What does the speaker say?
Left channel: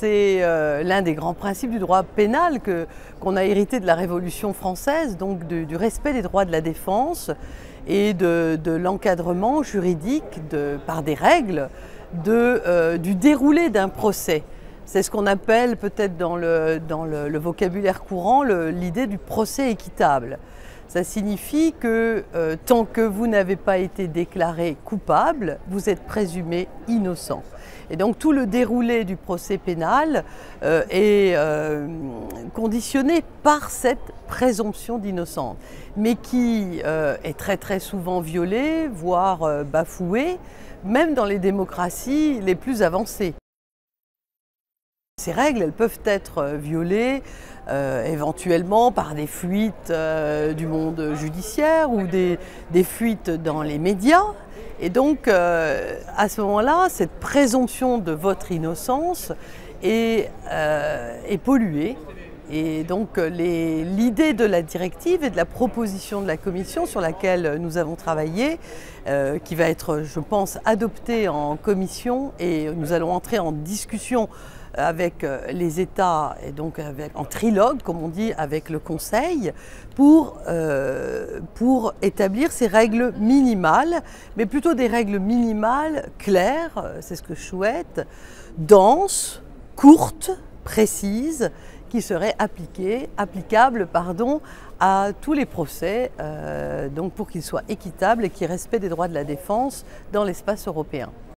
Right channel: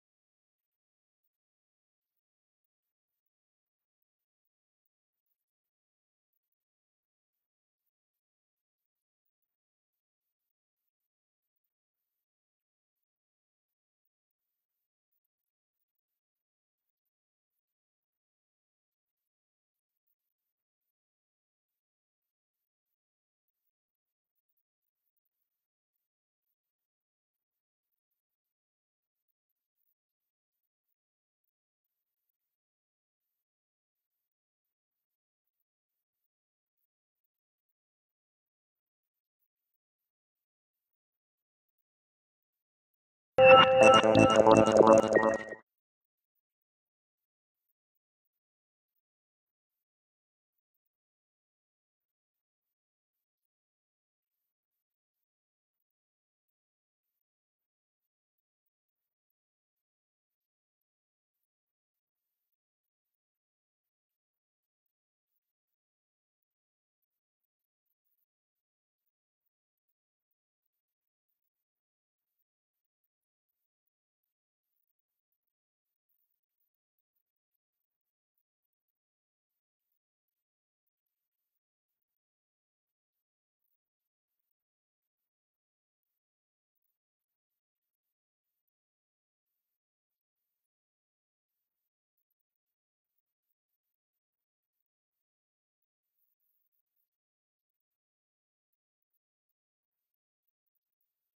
C'est l'un des grands principes du droit pénal qu'on a hérité de la Révolution française, donc du respect des droits de la défense et de l'encadrement juridique par des règles du déroulé d'un procès. C'est ce qu'on appelle peut-être dans le vocabulaire courant l'idée du procès équitable. Ça signifie que tant que vous n'avez pas été déclaré coupable, vous êtes présumé innocent. Et donc tout le déroulé du procès pénal est conditionné par cette présomption d'innocence, mais qui est très souvent violée, voire bafouée, même dans les démocraties les plus avancées. Ces règles, elles peuvent être violées éventuellement par des fuites du monde judiciaire ou des fuites dans les médias. Et donc, à ce moment-là, cette présomption de votre innocence est polluée. Et donc, l'idée de la directive et de la proposition de la Commission sur laquelle nous avons travaillé, qui va être, je pense, adoptée en Commission, et nous allons entrer en discussion avec les États, et donc en trilogue, comme on dit, avec le Conseil, pour établir ces règles minimales, mais plutôt des règles minimales claires, c'est ce que je souhaite, denses, courtes, précises, qui seraient applicables à tous les procès, donc pour qu'ils soient équitables et qu'ils respectent les droits de la défense dans l'espace européen.